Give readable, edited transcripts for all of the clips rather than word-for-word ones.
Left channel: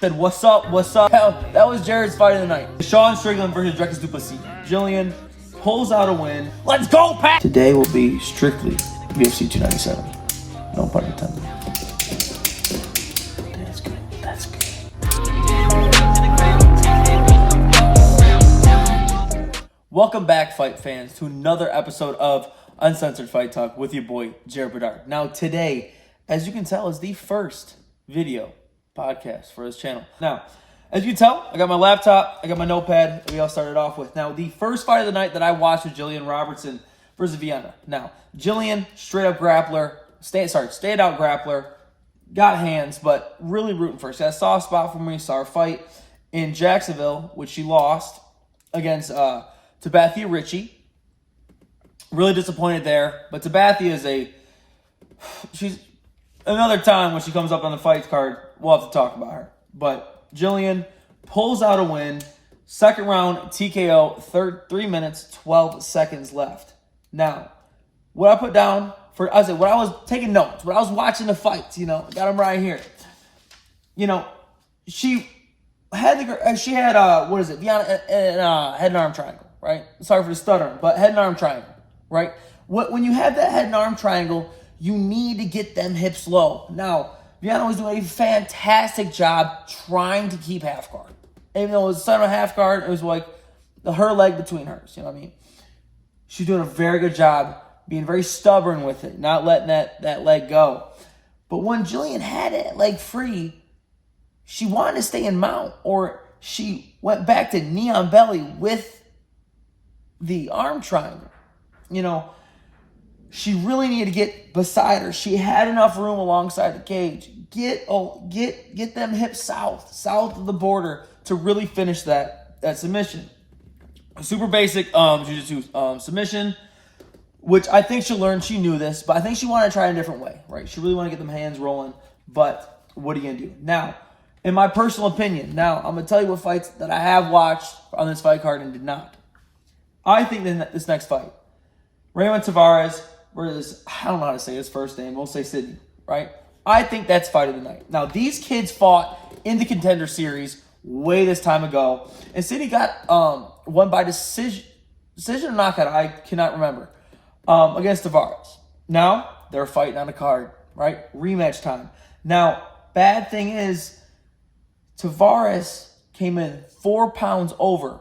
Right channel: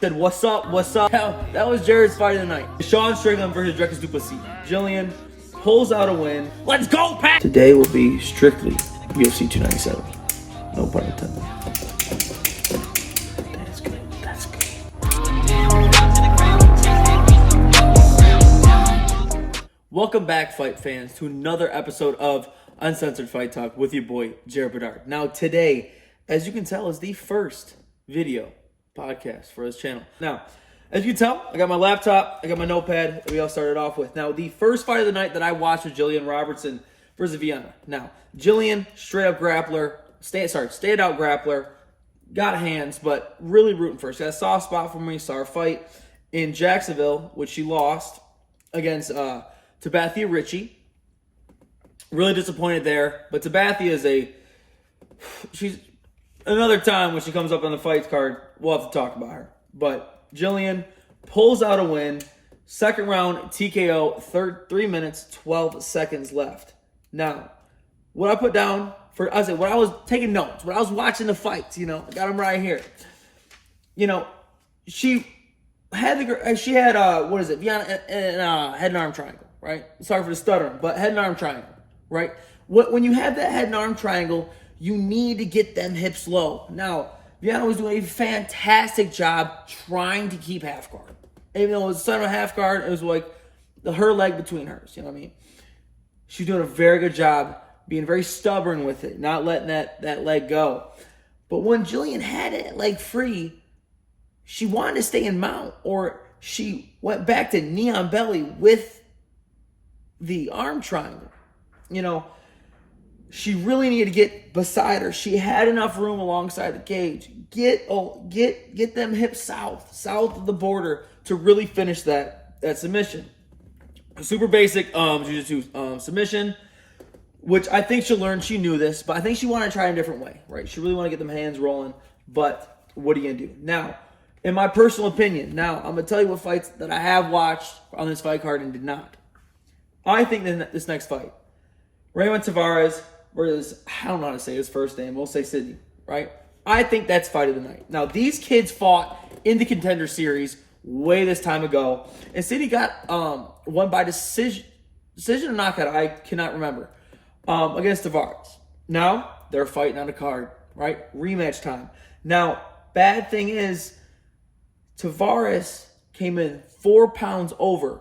Said, what's up, what's up? That was Jared's fight of the night. Sean Strickland versus Dricus duplessis. Jillian pulls out a win. Let's go, Pat! Today will be strictly UFC 297. No pun intended. That's good. That's good. Welcome back, fight fans, to another episode of Uncensored Fight Talk with your boy, Jared Bedard. Now, today, as you can tell, is the first video podcast for this channel. Now, as you can tell, I got my laptop, I got my notepad that we all started off with. Now, the first fight of the night that I watched was Jillian Robertson versus Vienna. Now, Jillian, straight up grappler, stayed out grappler, got hands, but really rooting for her. She had a soft spot for me. Saw her fight in Jacksonville, which she lost against Tabathia Ritchie. Really disappointed there, but Tabathia she's another time when she comes up on the fights card, we'll have to talk about her. But Jillian pulls out a win. Second round TKO, 3 minutes, 12 seconds left. Now, what I put down when I was taking notes, when I was watching the fights, I got them right here. She had head and arm triangle, right? Sorry for the stuttering, but head and arm triangle, right? When you have that head and arm triangle, you need to get them hips low. Now, Vienna was doing a fantastic job trying to keep half guard. Even though it was center half guard, it was like her leg between hers. You know what I mean? She's doing a very good job being very stubborn with it, not letting that leg go. But when Jillian had that leg free, she wanted to stay in mount, or she went back to knee on belly with the arm triangle. She really needed to get beside her. She had enough room alongside the cage. Get them hips south of the border to really finish that submission. A super basic jiu-jitsu submission, which I think she'll learn. She knew this, but I think she wanted to try a different way, right? She really wanted to get them hands rolling, but what are you going to do? Now, in my personal opinion, I'm going to tell you what fights that I have watched on this fight card and did not. I think that this next fight, Raymond Tavares versus, I don't know how to say his first name, we'll say Sydney, right? I think that's fight of the night. Now, these kids fought in the Contender Series way this time ago, and Sydney got won by decision or knockout, I cannot remember, against Tavares. Now, they're fighting on a card, right? Rematch time. Now, bad thing is, Tavares came in 4 pounds over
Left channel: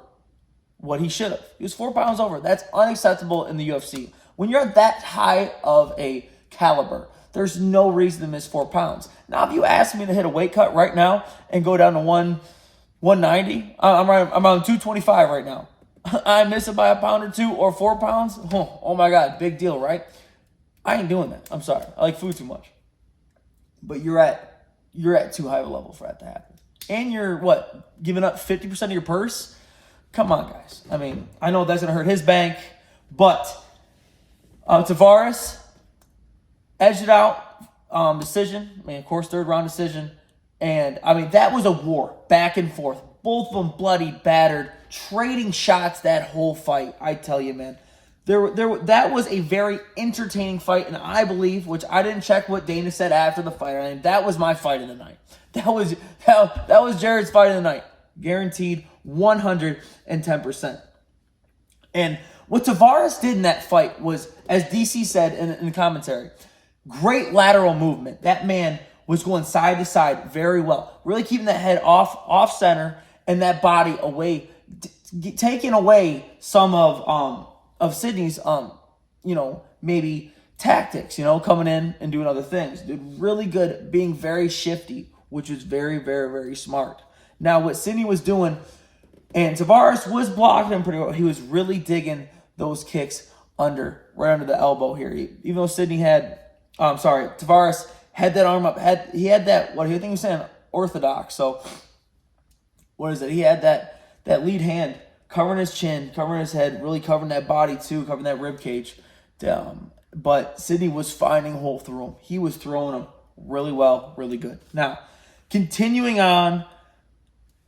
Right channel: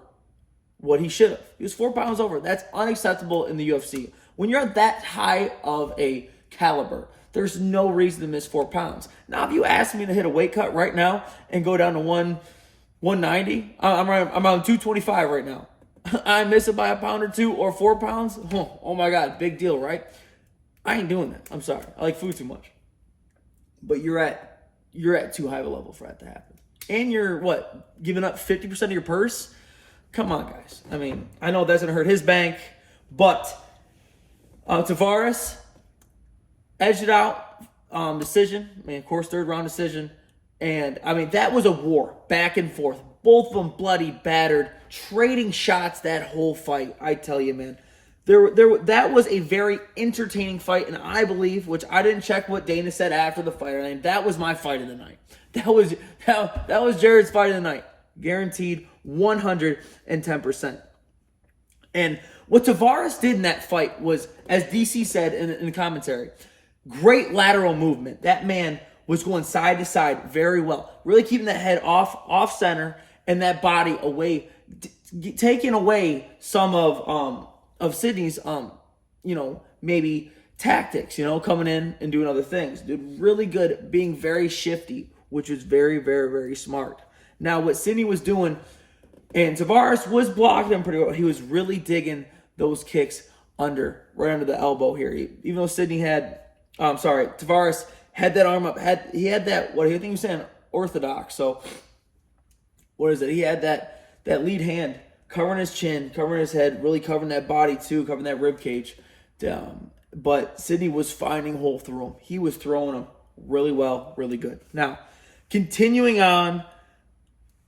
what he should have. He was 4 pounds over. That's unacceptable in the UFC. When you're at that high of a caliber, there's no reason to miss 4 pounds. Now, if you ask me to hit a weight cut right now and go down to 190, I'm on 225 right now. I'm missing by a pound or two or 4 pounds. Oh my God, big deal, right? I ain't doing that. I'm sorry. I like food too much. But you're at too high of a level for that to happen. And you're giving up 50% of your purse? Come on, guys. I mean, I know that's gonna hurt his bank, but Tavares edged it out, decision. I mean, of course, third round decision. And, I mean, that was a war, back and forth. Both of them bloody, battered, trading shots that whole fight. I tell you, man. That was a very entertaining fight, and I believe, which I didn't check what Dana said after the fight, and that was my fight of the night. That was Jared's fight of the night. Guaranteed 110%. And what Tavares did in that fight was, as DC said in the commentary, great lateral movement. That man was going side to side very well. Really keeping that head off center and that body away, taking away some of Sydney's, maybe tactics, coming in and doing other things. Dude, really good, being very shifty, which was very, very, very smart. Now, what Sydney was doing, and Tavares was blocking him pretty well. He was really digging those kicks right under the elbow here. Even though Tavares had that arm up. He had that, what do you think he was saying? Orthodox. So, what is it? He had that lead hand covering his chin, covering his head, really covering that body too, covering that rib cage. But Sydney was finding a hole through him. He was throwing them really well, really good. Now, continuing on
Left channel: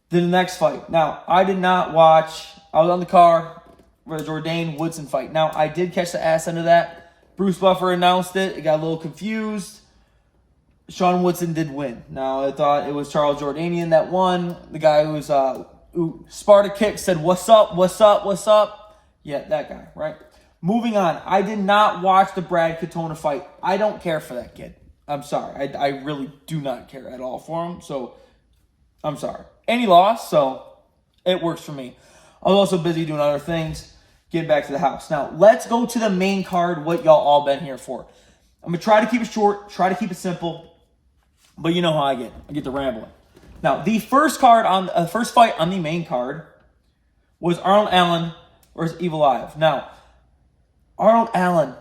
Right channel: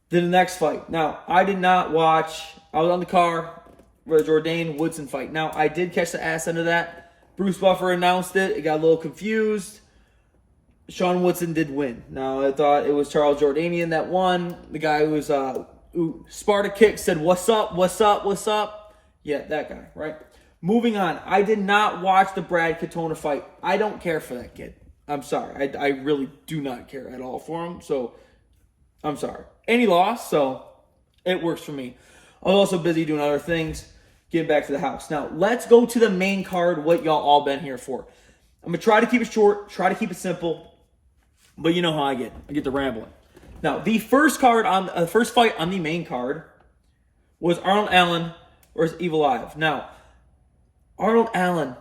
to the next fight. Now, I did not watch. I was on the car for the Jourdain Woodson fight. Now, I did catch the ass end of that. Bruce Buffer announced it. It got a little confused. Sean Woodson did win. Now, I thought it was Charles Jordanian that won. The guy who Sparta kick said, "What's up, what's up, what's up?" Yeah, that guy, right? Moving on. I did not watch the Brad Katona fight. I don't care for that kid. I'm sorry. I really do not care at all for him. So, I'm sorry. And he lost, so it works for me. I was also busy doing other things. Getting back to the house. Now, let's go to the main card, what y'all all been here for. I'm going to try to keep it short, try to keep it simple, but you know how I get to rambling. Now, the first fight on the main card was Arnold Allen versus Evil Live. Now, Arnold Allen,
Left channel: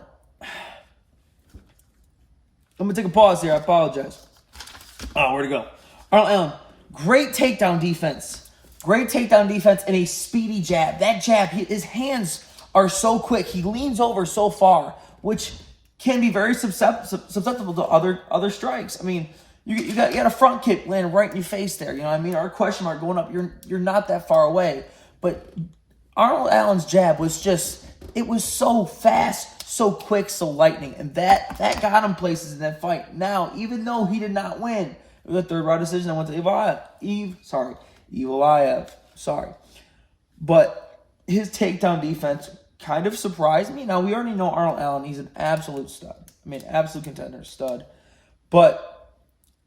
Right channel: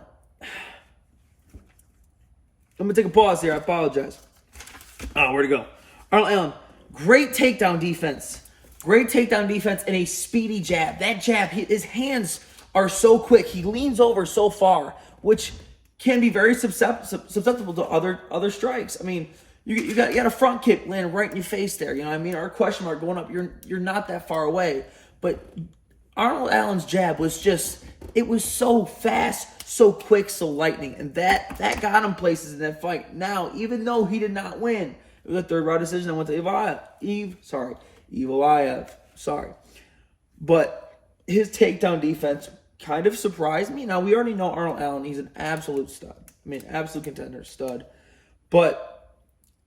let me take a pause here, I apologize. Oh, where'd it go? Arnold Allen, great takedown defense. Great takedown defense and a speedy jab. That jab, his hands are so quick. He leans over so far, which can be very susceptible to other strikes. I mean, you got a front kick landing right in your face there. You know what I mean? Or a question mark going up. You're not that far away. But Arnold Allen's jab was it was so fast, so quick, so lightning. And that got him places in that fight. Now, even though he did not win, it was a third round decision. I went to Evil. Sorry. But his takedown defense kind of surprised me. Now, we already know Arnold Allen. He's an absolute stud. I mean, absolute contender, stud. But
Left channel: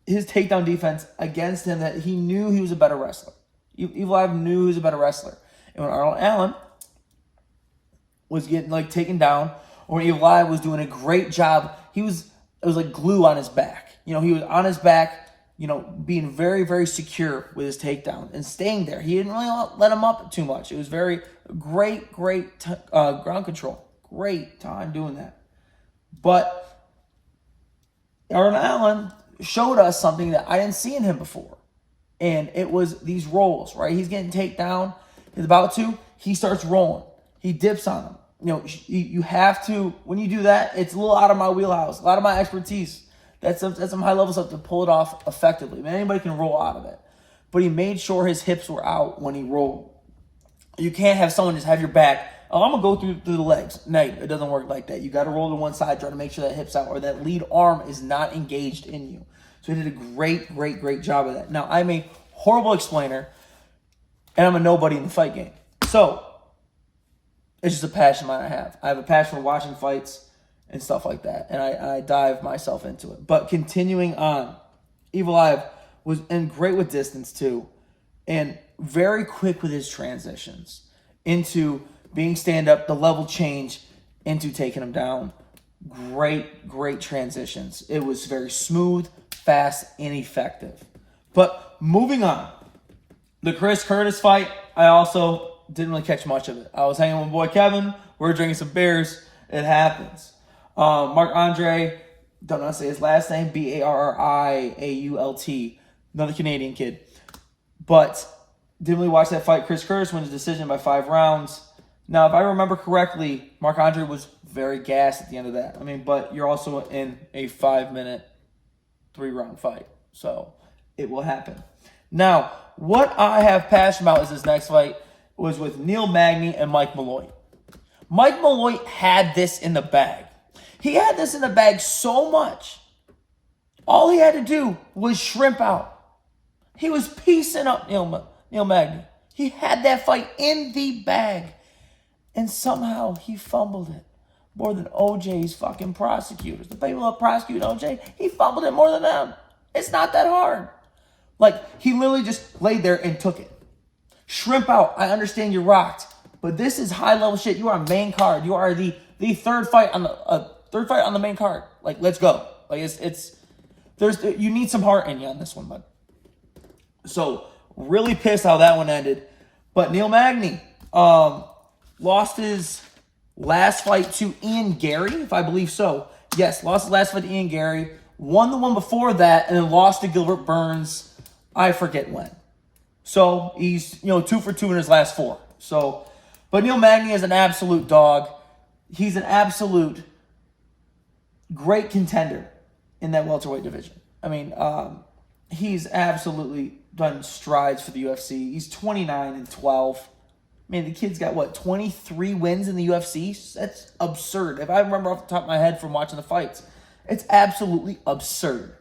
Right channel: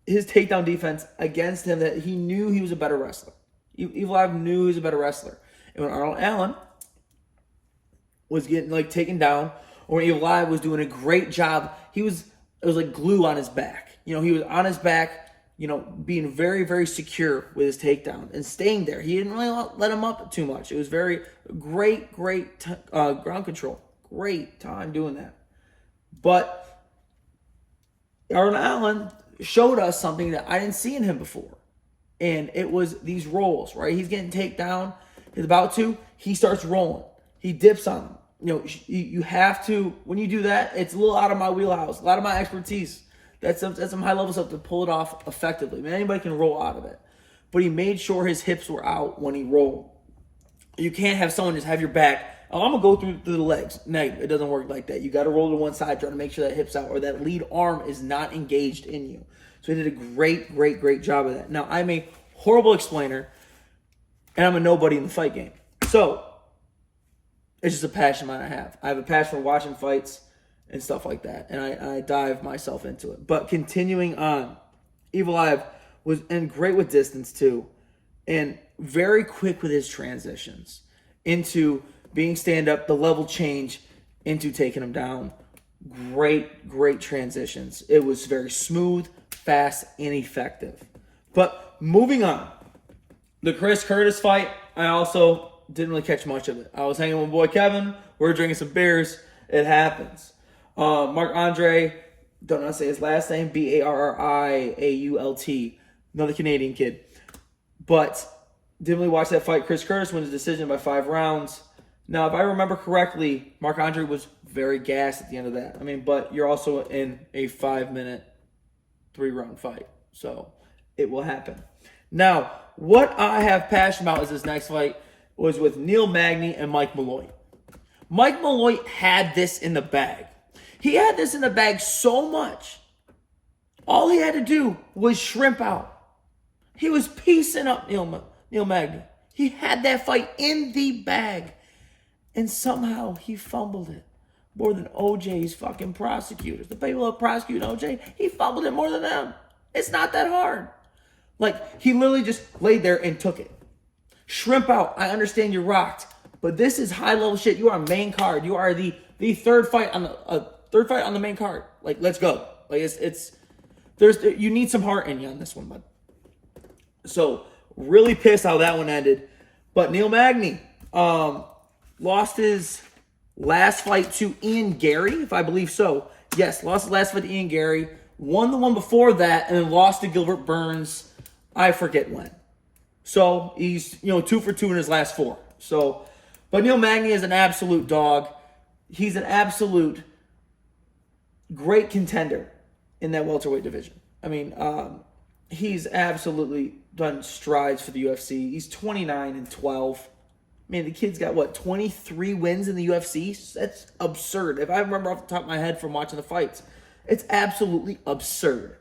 his takedown defense against him, that he knew he was a better wrestler. Evil Live knew he was a better wrestler. And when Arnold Allen was getting, taken down, or when Evil Live was doing a great job, it was like glue on his back. You know, he was on his back, being very, very secure with his takedown and staying there. He didn't really let him up too much. It was very great ground control. Great time doing that. But Arnold Allen showed us something that I didn't see in him before. And it was these rolls, right? He's getting taken down. He's about to. He starts rolling. He dips on him. You have to, when you do that, it's a little out of my wheelhouse, a lot of my expertise. That's some high level stuff to pull it off effectively. Man, anybody can roll out of it. But he made sure his hips were out when he rolled. You can't have someone just have your back. Oh, I'm going to go through the legs. No, it doesn't work like that. You got to roll to one side, trying to make sure that hip's out or that lead arm is not engaged in you. So he did a great job of that. Now, I'm a horrible explainer, and I'm a nobody in the fight game. So, it's just a passion that I have. I have a passion for watching fights and stuff like that, and I dive myself into it. But continuing on, Evil Live was great with distance too, and very quick with his transitions into being stand-up, the level change, into taking him down. Great transitions. It was very smooth, fast, and effective. But moving on, the Chris Curtis fight, I also didn't really catch much of it. I was hanging with my boy Kevin. We were drinking some beers. It happens. Mark Andre, don't know how to say his last name, Barriault, another Canadian kid. But didn't really watch that fight. Chris Curtis wins the decision by 5 rounds. Now, if I remember correctly, Mark Andre was very gassed at the end of that. I mean, but you're also in a 5-minute, 3-round fight. So it will happen. Now, what I have passion about is this next fight was with Neil Magny and Mike Malloy. Mike Malloy had this in the bag. He had this in the bag so much. All he had to do was shrimp out. He was piecing up Neil Magny. He had that fight in the bag. And somehow he fumbled it more than OJ's fucking prosecutors. The people that prosecute OJ, he fumbled it more than them. It's not that hard. He literally just laid there and took it. Shrimp out. I understand you're rocked. But this is high-level shit. You are a main card. You are the third fight on the main card. Let's go. You need some heart in you on this one, bud. So, really pissed how that one ended. But Neil Magny lost his last fight to Ian Gary, if I believe so. Yes, lost his last fight to Ian Gary. Won the one before that, and then lost to Gilbert Burns. I forget when. So, he's 2 for 2 in his last 4. So, but Neil Magny is an absolute dog. He's an absolute great contender in that welterweight division. I mean, he's absolutely done strides for the UFC. He's 29-12. Man, the kid's got 23 wins in the UFC? That's absurd. If I remember off the top of my head from watching the fights, it's absolutely absurd.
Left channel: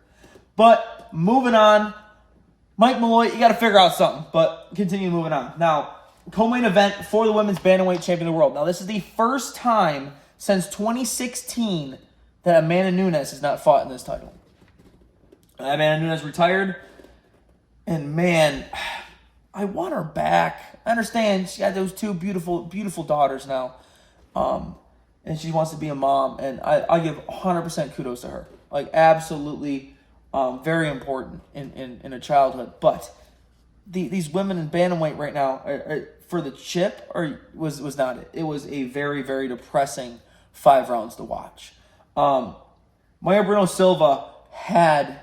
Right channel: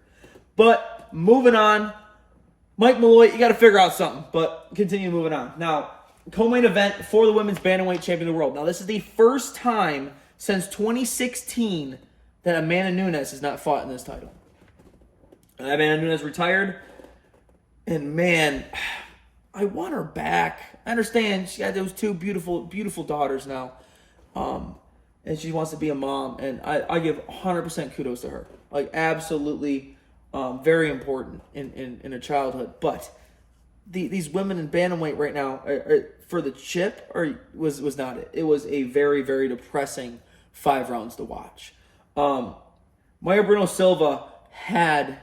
But moving on, Mike Malloy, you got to figure out something. But continue moving on. Now, co-main event for the women's bantamweight champion of the world. Now, this is the first time since 2016 that Amanda Nunes has not fought in this title. Amanda Nunes retired. And man, I want her back. I understand she had those two beautiful, beautiful daughters now. And she wants to be a mom. And I give 100% kudos to her. Like, absolutely very important in a childhood. But these women in bantamweight right now, for the chip, was not it. It was a very, very depressing 5 rounds to watch. Maya Bruno Silva had,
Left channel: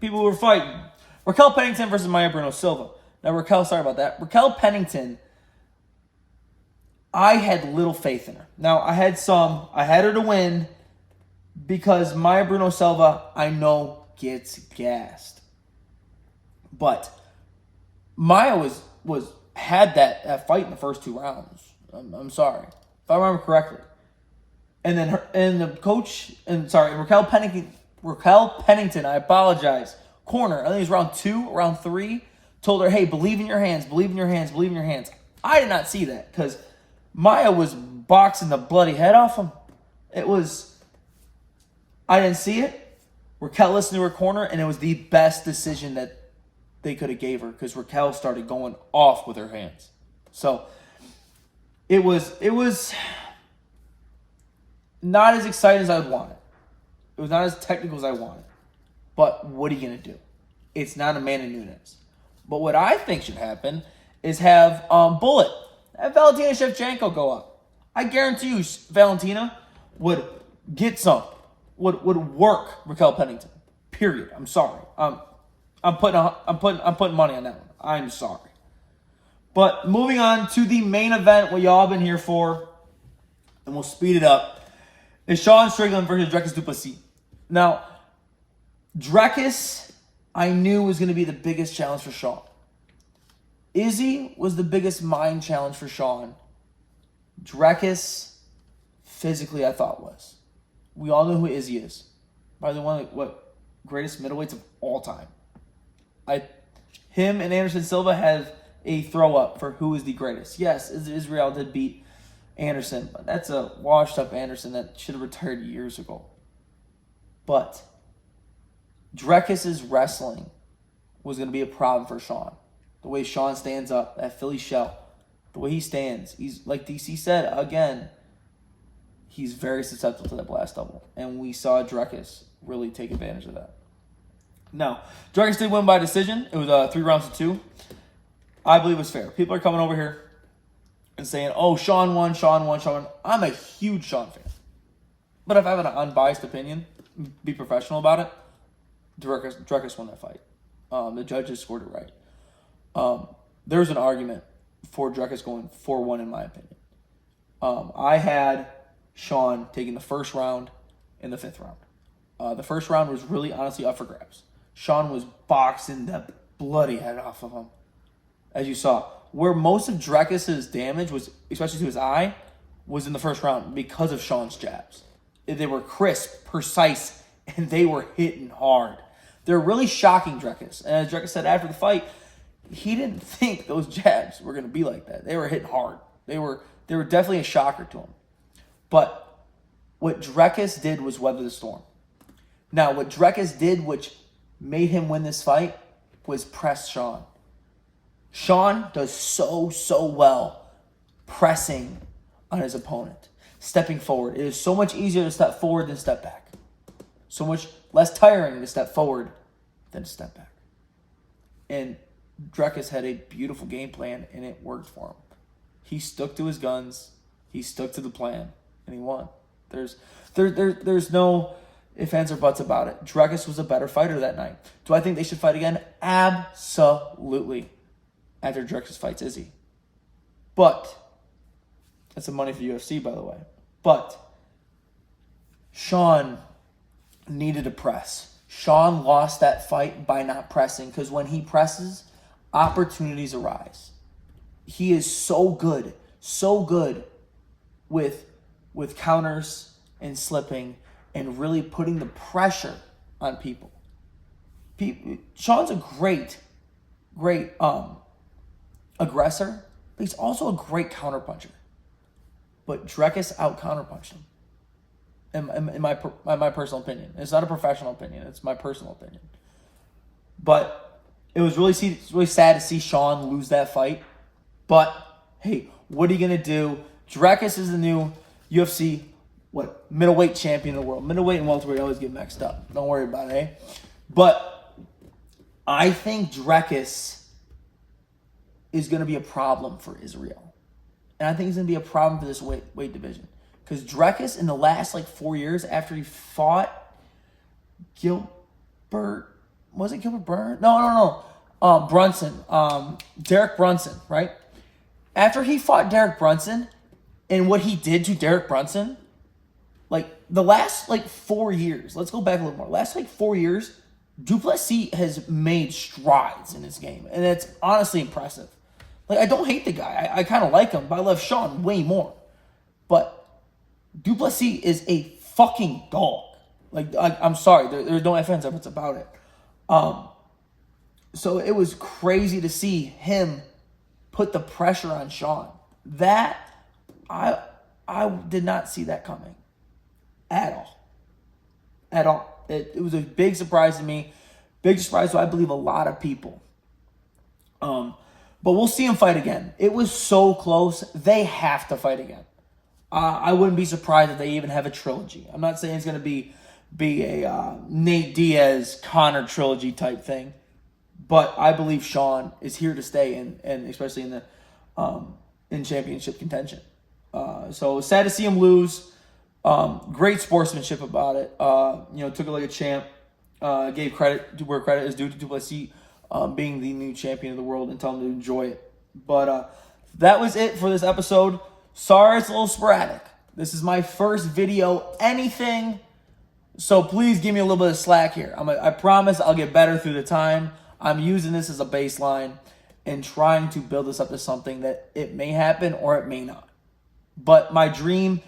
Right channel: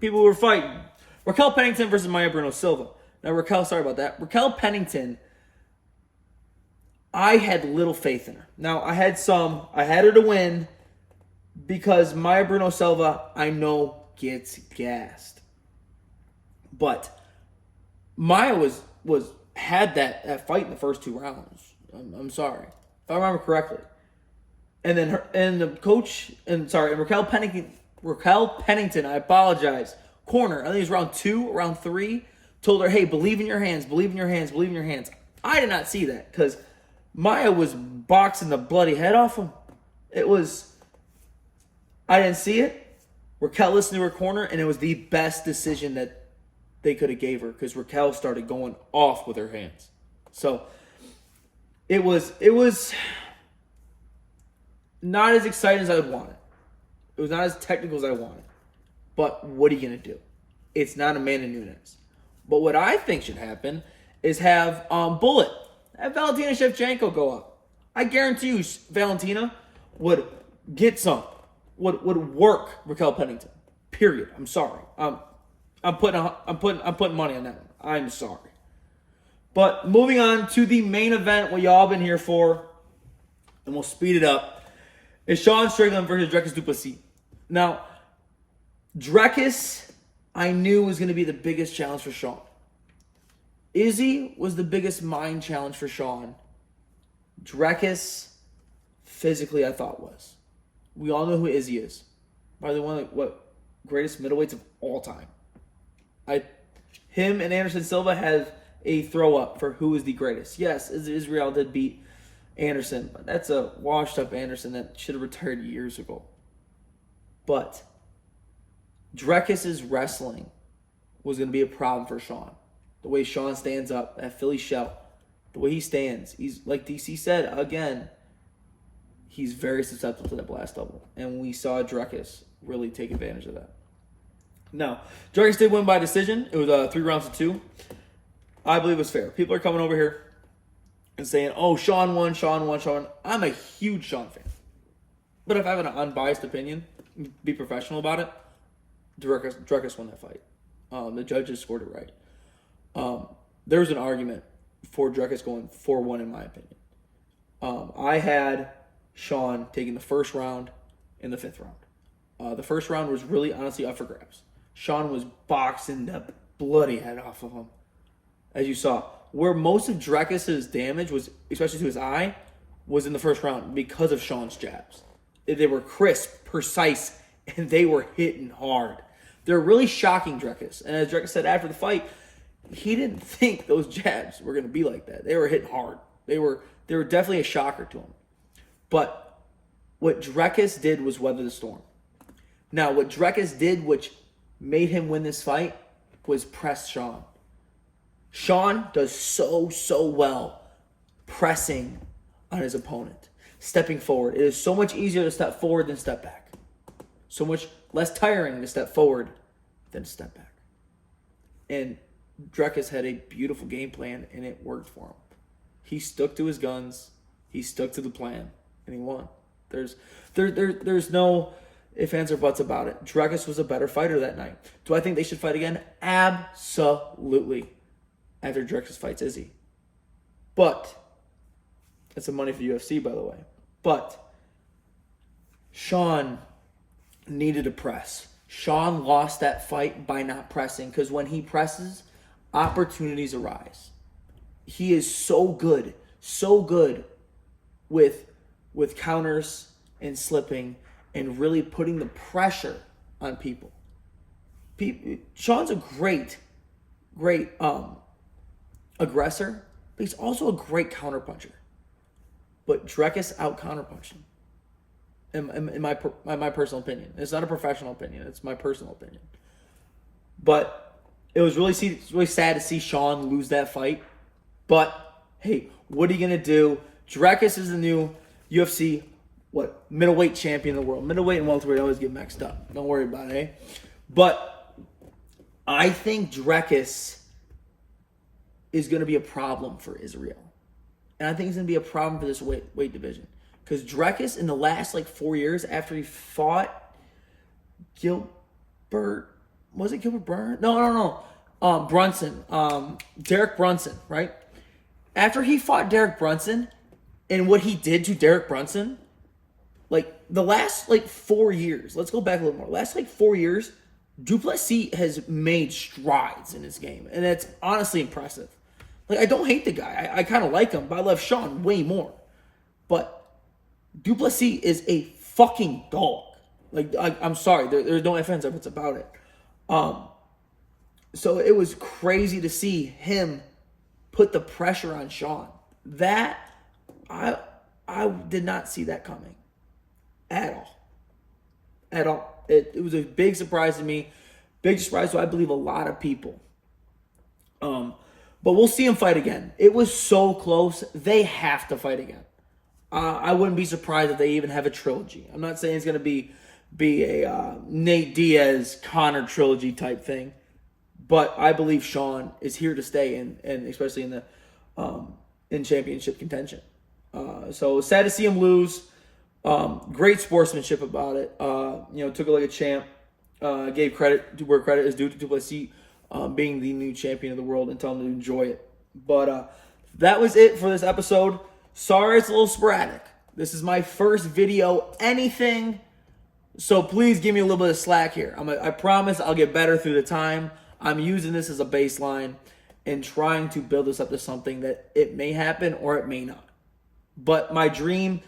people were fighting. Raquel Pennington versus Maya Bruno Silva. Now, Raquel Pennington, I had little faith in her. Now, I had her to win because Maya Bruno Silva, I know, gets gassed. But Maya had that fight in the first 2 rounds. I'm sorry. If I remember correctly. And then Raquel Pennington, I apologize, corner, I think it was round 2, round 3, told her, hey, believe in your hands, believe in your hands, believe in your hands. I did not see that because Maya was boxing the bloody head off him. I didn't see it. Raquel listened to her corner, and it was the best decision that they could have gave her because Raquel started going off with her hands. So it was not as exciting as I wanted. It was not as technical as I wanted. But what are you going to do? It's not Amanda Nunes. But what I think should happen is have Bullet, have Valentina Shevchenko go up. I guarantee you Valentina would get would work Raquel Pennington. Period. I'm sorry. I'm putting money on that one. I'm sorry. But moving on to the main event, what y'all been here for, and we'll speed it up, is Sean Strickland versus Dricus duplessis. Now, Dricus, I knew was going to be the biggest challenge for Sean. Izzy was the biggest mind challenge for Sean. Dricus, physically, I thought was. We all know who Izzy is. Probably one of the greatest middleweights of all time. Him and Anderson Silva have a throw up for who is the greatest. Yes, Israel did beat Anderson, but that's a washed up Anderson that should have retired years ago. But Dricus's wrestling was going to be a problem for Sean. The way Sean stands up, that Philly shell, the way he stands, he's like DC said again. He's very susceptible to that blast double, and we saw Dricus really take advantage of that. Now, Dricus did win by decision. It was 3 rounds to 2. I believe it was fair. People are coming over here and saying, "Oh, Sean won." I'm a huge Sean fan, but if I have an unbiased opinion, be professional about it, Dricus won that fight. The judges scored it right. There's an argument for Dricus going 4-1 in my opinion. I had Sean taking the first round and the 5th round. The first round was really honestly up for grabs. Sean was boxing the bloody head off of him. As you saw, where most of Dricus's damage was, especially to his eye, was in the first round because of Sean's jabs. They were crisp, precise, and they were hitting hard. They were really shocking Dricus. And as Dricus said after the fight, he didn't think those jabs were going to be like that. They were hitting hard. They were definitely a shocker to him. But what Dricus did was weather the storm. Now, what Dricus did, which made him win this fight, was press Sean. Sean does so well pressing on his opponent, stepping forward. It is so much easier to step forward than step back. So much less tiring to step forward than step back. And Dricus had a beautiful game plan, and it worked for him. He stuck to his guns. He stuck to the plan, and he won. There's no ifs, ands, or buts about it. Dricus was a better fighter that night. Do I think they should fight again? Absolutely. After Dricus fights Izzy. But, that's the money for UFC, by the way. But, Sean needed to press. Sean lost that fight by not pressing, because when he presses, opportunities arise. He is so good with counters and slipping and really putting the pressure on people. Sean's a great aggressor, but he's also a great counterpuncher. But Dricus out counterpunched him. In my personal opinion. It's not a professional opinion. It's my personal opinion. But it was really sad to see Sean lose that fight. But, hey, what are you going to do? Dricus is the new UFC, middleweight champion of the world. Middleweight and welterweight always get mixed up. Don't worry about it, eh? But I think Dricus is going to be a problem for Israel. And I think he's going to be a problem for this weight division. Because Dricus, in the last 4 years, after he fought Gilbert, was it Gilbert Burns? No. Brunson. Derek Brunson, right? After he fought Derek Brunson, and what he did to Derek Brunson, the last 4 years, let's go back a little more. Last 4 years, duplessis has made strides in his game. And that's honestly impressive. I don't hate the guy. I kind of like him, but I love Sean way more. But duplessis is a fucking dog. I'm sorry. There's no ifs, ands, or buts about it. So it was crazy to see him put the pressure on Sean. That, I did not see that coming. At all. It was a big surprise to me. Big surprise to, I believe, a lot of people. But we'll see him fight again. It was so close. They have to fight again. I wouldn't be surprised if they even have a trilogy. I'm not saying it's going to be a Nate Diaz Conor trilogy type thing, but I believe Sean is here to stay, and especially in the in championship contention. So sad to see him lose. Great sportsmanship about it. Took it like a champ. Gave credit to where credit is due to duplessis being the new champion of the world, and tell him to enjoy it. But that was it for this episode. Sorry it's a little sporadic. This is my first video, anything. So please give me a little bit of slack here. I promise I'll get better through the time. I'm using this as a baseline and trying to build this up to something that it may happen or it may not. But my dream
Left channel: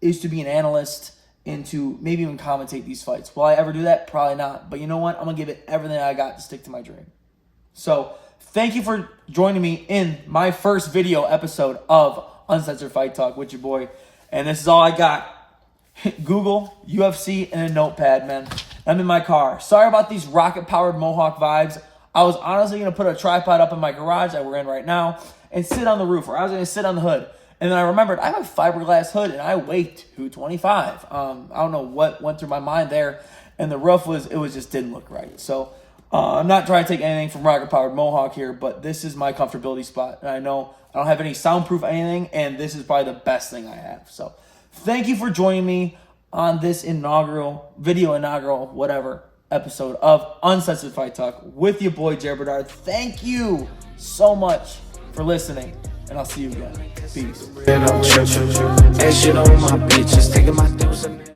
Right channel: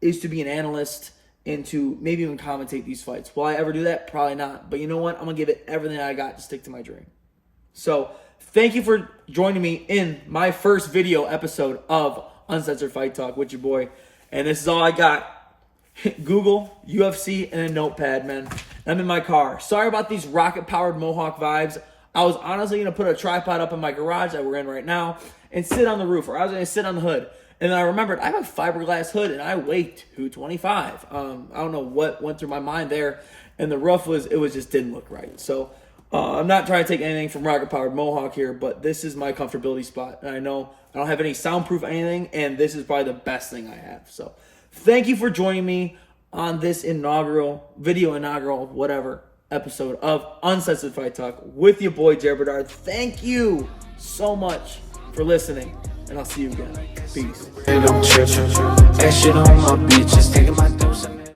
is to be an analyst and to maybe even commentate these fights. Will I ever do that? Probably not. But you know what? I'm going to give it everything I got to stick to my dream. So thank you for joining me in my first video episode of Uncensored Fight Talk with your boy. And this is all I got. Google, UFC, and a notepad, man. I'm in my car. Sorry about these rocket-powered Mohawk vibes. I was honestly going to put a tripod up in my garage that we're in right now and sit on the roof, or I was going to sit on the hood. And then I remembered I have a fiberglass hood, and I weigh 225. I don't know what went through my mind there. And the roof just didn't look right. So I'm not trying to take anything from rocket-powered Mohawk here, but this is my comfortability spot. And I know I don't have any soundproof anything, and this is probably the best thing I have. So thank you for joining me on this inaugural episode of Uncensored Fight Talk with your boy, Jared Bedard. Thank you so much for listening, and I'll see you again. Peace.